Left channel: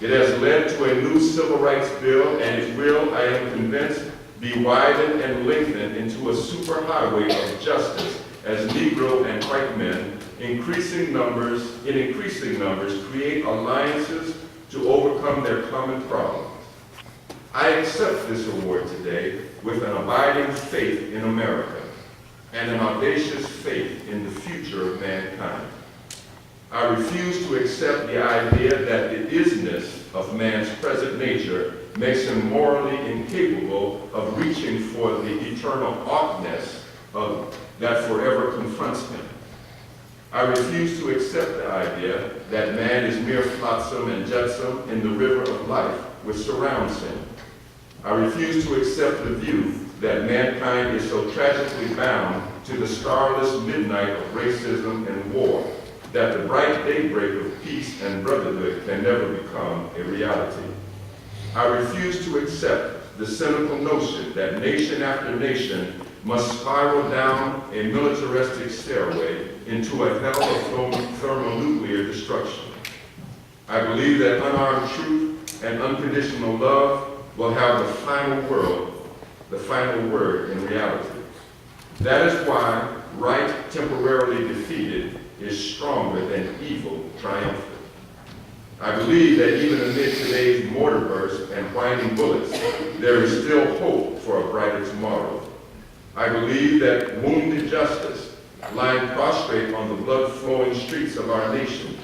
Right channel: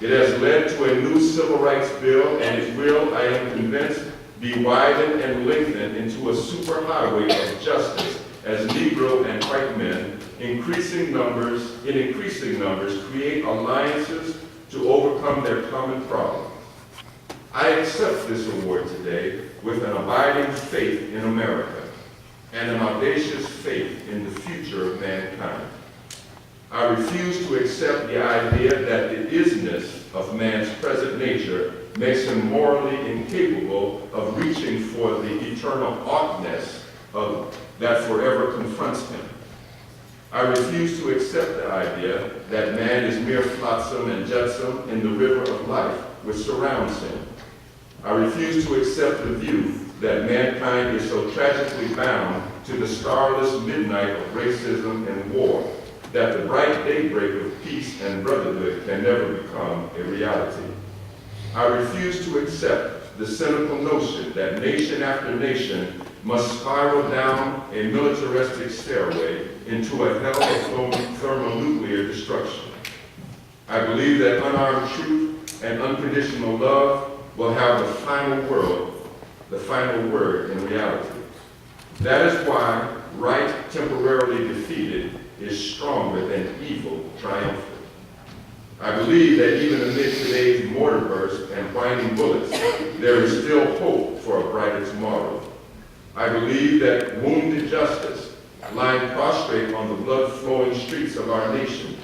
It has led to a new civil rights bill, and it will, I am convinced, be widened and lengthened into a superhighway of justice as Negro and white men, in increasing numbers, create alliances to overcome their common problems. I accept this award today with an abiding faith in America and an audacious faith in the future of mankind. I refuse to accept the idea that the isness of man's present nature makes him morally incapable of reaching for the eternal oughtness that forever confronts him. I refuse to accept the idea that man is mere flotsam and jetsam in the river of life which surrounds him. I refuse to accept the view that mankind is so tragically bound to the starless midnight of racism and war that the bright daybreak of peace and brotherhood can never become a reality. I refuse to accept the cynical notion that nation after nation must spiral down a militaristic stairway into a hell of thermonuclear destruction. I believe that unarmed truth and unconditional love will have the final word in reality. That is why right temporarily defeated is stronger than evil triumphant. I believe that even amid today's mortar bursts and whining bullets, there is still hope for a brighter tomorrow. I believe that wounded justice, lying prostrate on the blood-flowing streets of our nation,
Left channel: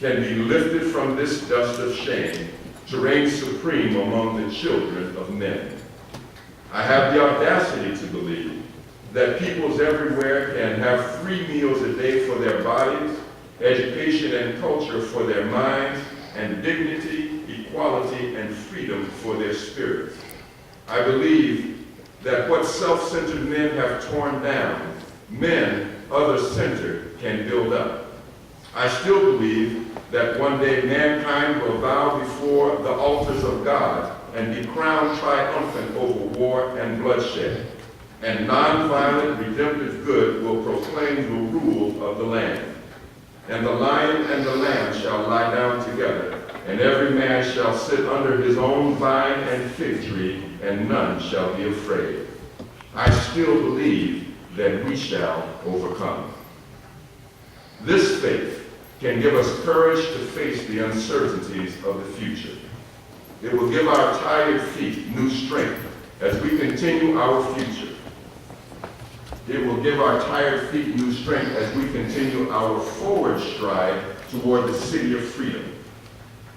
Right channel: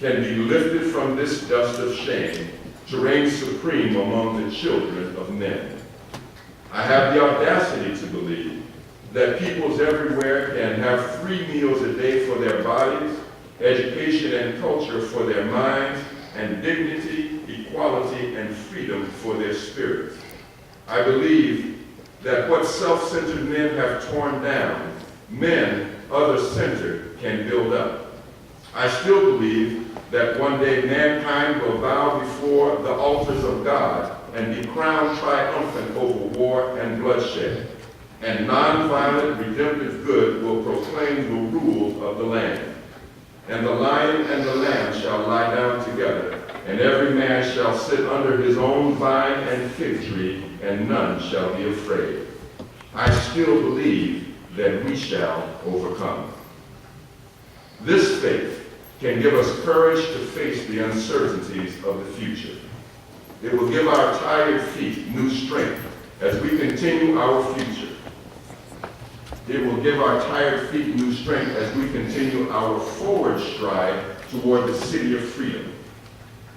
can be lifted from this dust of shame to reign supreme among the children of men. I have the audacity to believe that peoples everywhere can have 3 meals a day for their bodies, education and culture for their minds, and dignity, equality, and freedom for their spirits. I believe that what self-centered men have torn down, men other-centered can build up. I still believe that one day mankind will bow before the altars of God and be crowned triumphant over war and bloodshed, and nonviolent redemptive good will proclaim the rule of the land. And the lion and the lamb shall lie down together, and every man shall sit under his own vine and fig tree, and none shall be afraid. I still believe that we shall overcome. This faith can give us courage to face the uncertainties of the future. It will give our tired feet new strength as we continue our future. It will give our tired feet new strength as we continue our forward stride toward the city of freedom.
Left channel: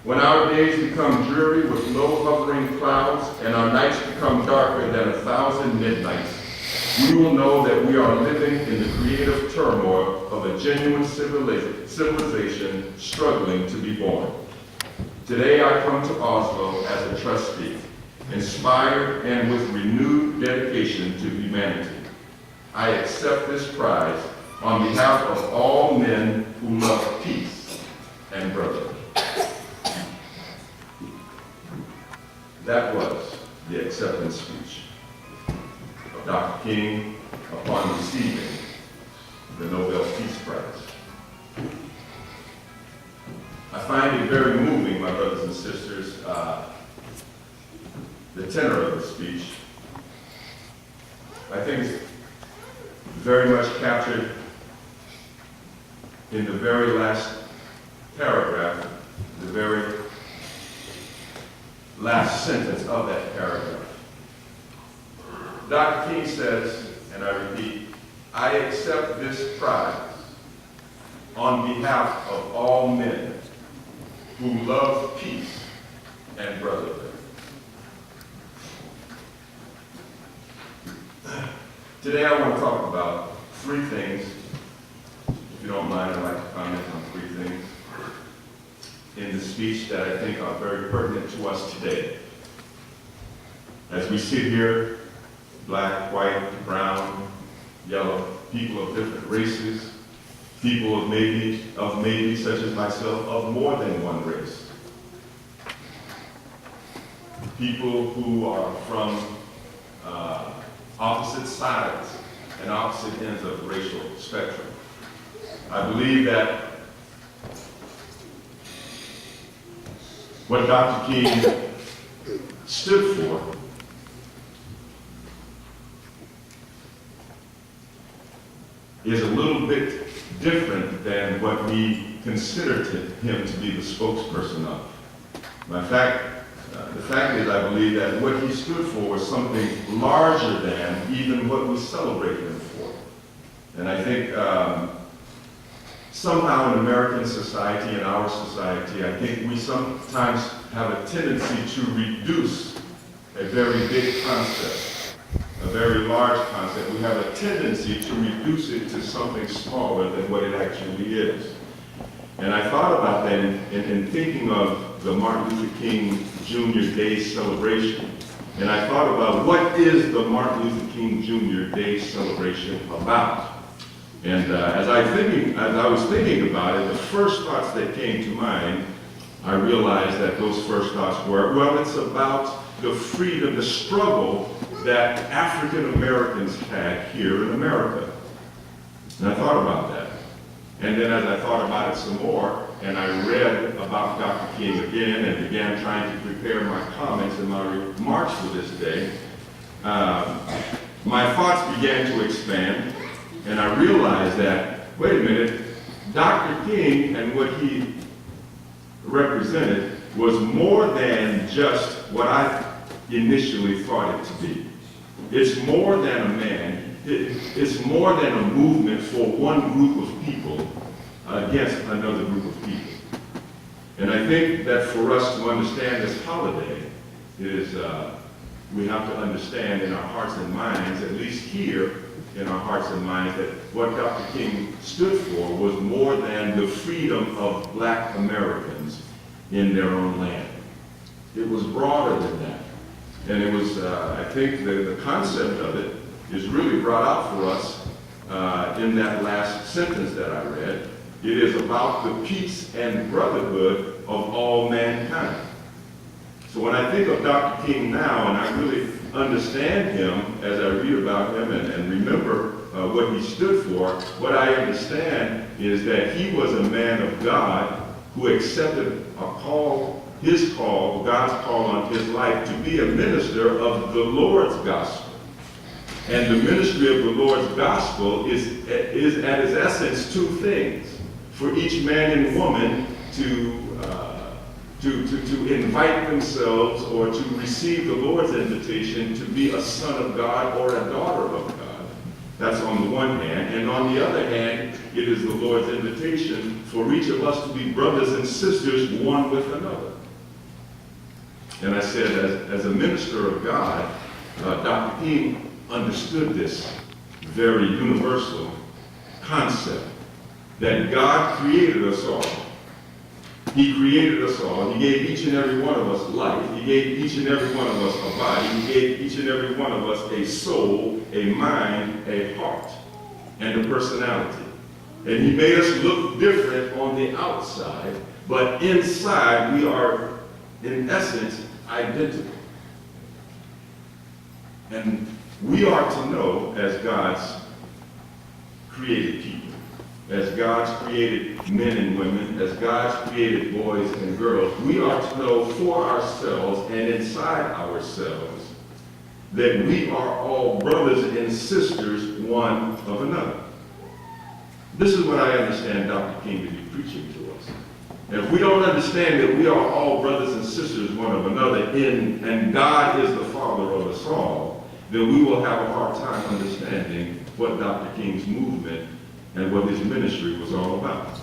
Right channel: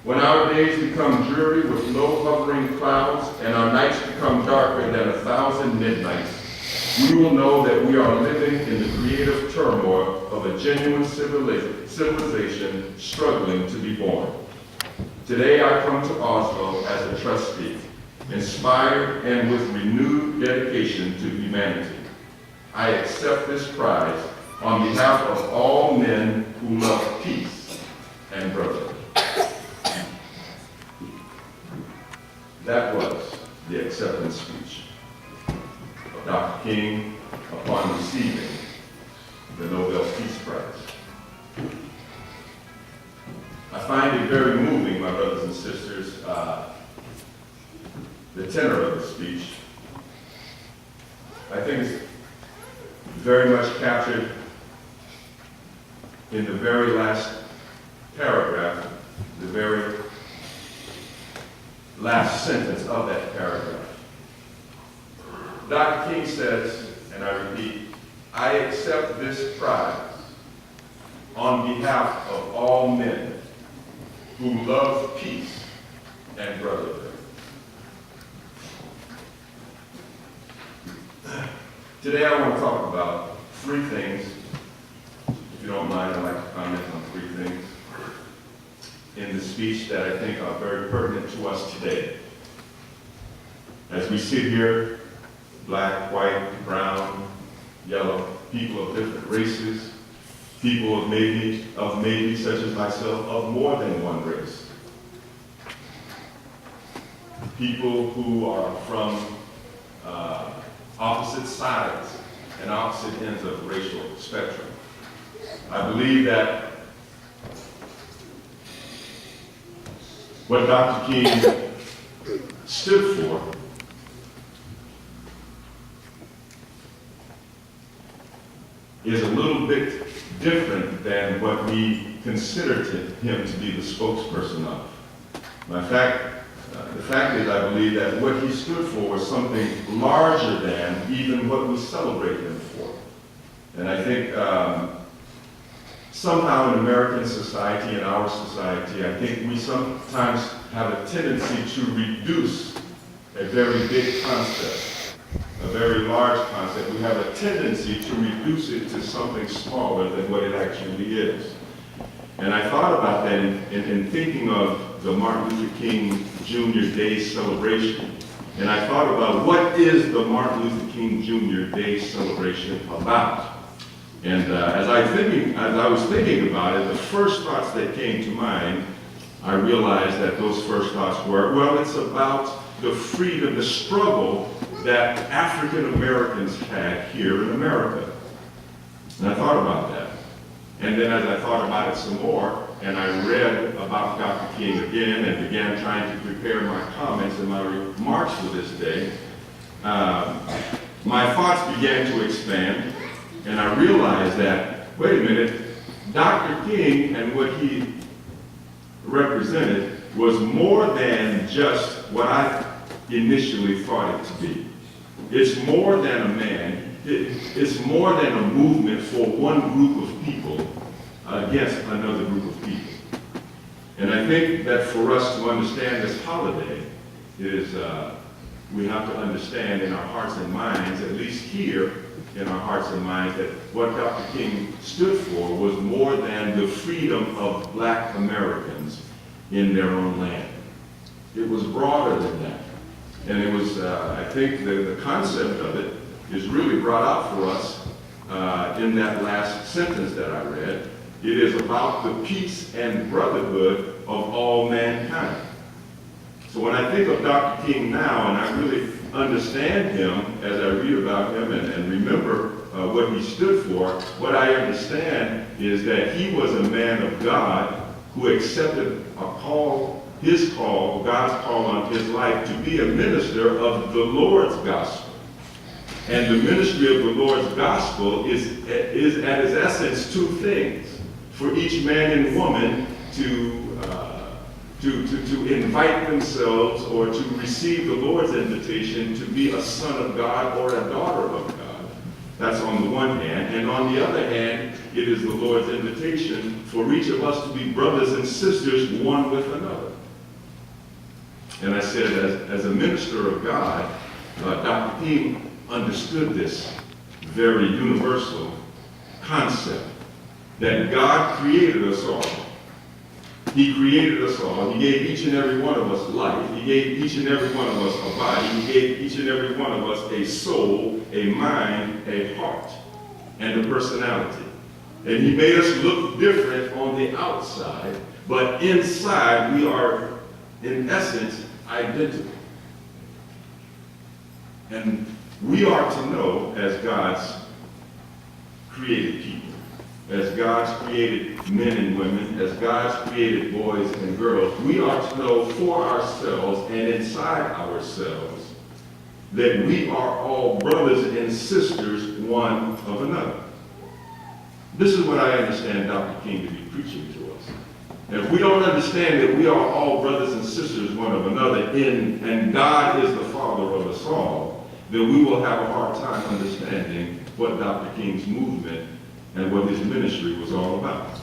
When our days become dreary with low hovering clouds and our nights become darker than 1,000 midnights, we will know that we are living in the creative turmoil of a genuine civilization struggling to be born. Today I come to Oslo as a trustee, inspired and with renewed dedication to humanity. I accept this prize on behalf of all men who love peace and brotherhood. That was the acceptance speech of Dr. King upon receiving the Nobel Peace Prize. I find it very moving, my brothers and sisters, the tenor of the speech. I think it's very much captured in the very last paragraph, the very last sentence of that paragraph. Dr. King says, and I repeat, I accept this prize on behalf of all men who love peace and brotherhood. Today I want to talk about 3 things. If you don't mind, I'd like to comment on 3 things in the speech that I think are very pertinent to us today. As we sit here, black, white, brown, yellow, people of different races, people of maybe such as myself, of more than one race. People who are from opposite sides and opposite ends of the racial spectrum. I believe that what Dr. King stood for is a little bit different than what we consider him to be the spokesperson of. The fact is, I believe that what he stood for was something larger than even what we celebrate him for. And I think somehow in American society, in our society, I think we sometimes have a tendency to reduce a very big concept, a very large concept. We have a tendency to reduce it to something smaller than what it actually is. And I thought about that in thinking of the Martin Luther King Jr. Day celebration. And I thought about what is the Martin Luther King Jr. Day celebration about? And as I was thinking about it, the first thoughts that came to mind, I realized that those first thoughts were, well, it's about the freedom, the struggle that African Americans had here in America. And I thought about that. And then as I thought about it some more, and I read about Dr. King again and began trying to prepare my comments and my remarks for this day, my thoughts began to expand, and I realized that, wait a minute, Dr. King and what he represented was more than just what I initially thought it to be. It's more than a man. It's more than a movement for one group of people against another group of people. And I think that for us to understand this holiday is we have to understand in our hearts and minds, at least here in our hearts and minds, that what Dr. King stood for was more than the freedom of black Americans in their own land. It was broader than that. And it was, I think the concept of it is really brought out for us in that last sentence that I read. It is about the peace and brotherhood of all mankind. So when I think of Dr. King now, and I really understand him as I read about him and remember what he stood for, what I understand is that he was a man of God who accepted God's call on his life to be a minister of the Lord's gospel. And the ministry of the Lord's gospel is at its essence two things. For each man and woman to invite themselves or to receive the Lord's invitation to be a son of God or a daughter of God. That's on the one hand. And on the other hand, it is the Lord's invitation for each of us to be brothers and sisters one with another. And I said, as a minister of God, Dr. King understood this very universal concept that God created us all. He created us all. He gave each and every one of us life. He gave each and every one of us a body. He gave each and every one of us a soul, a mind, a heart, and a personality. And he made us look different on the outside, but inside we are, in essence, identical. And we are to know, as God's created people, as God's created men and women, as God's created boys and girls, we are to know for ourselves and inside ourselves that we are all brothers and sisters one of another. This is what I understand Dr. King to be preaching to us. And if we don't understand that we are all brothers and sisters one of another and God is the Father of us all, then we will have a hard time understanding what Dr. King's movement and what his ministry was all about.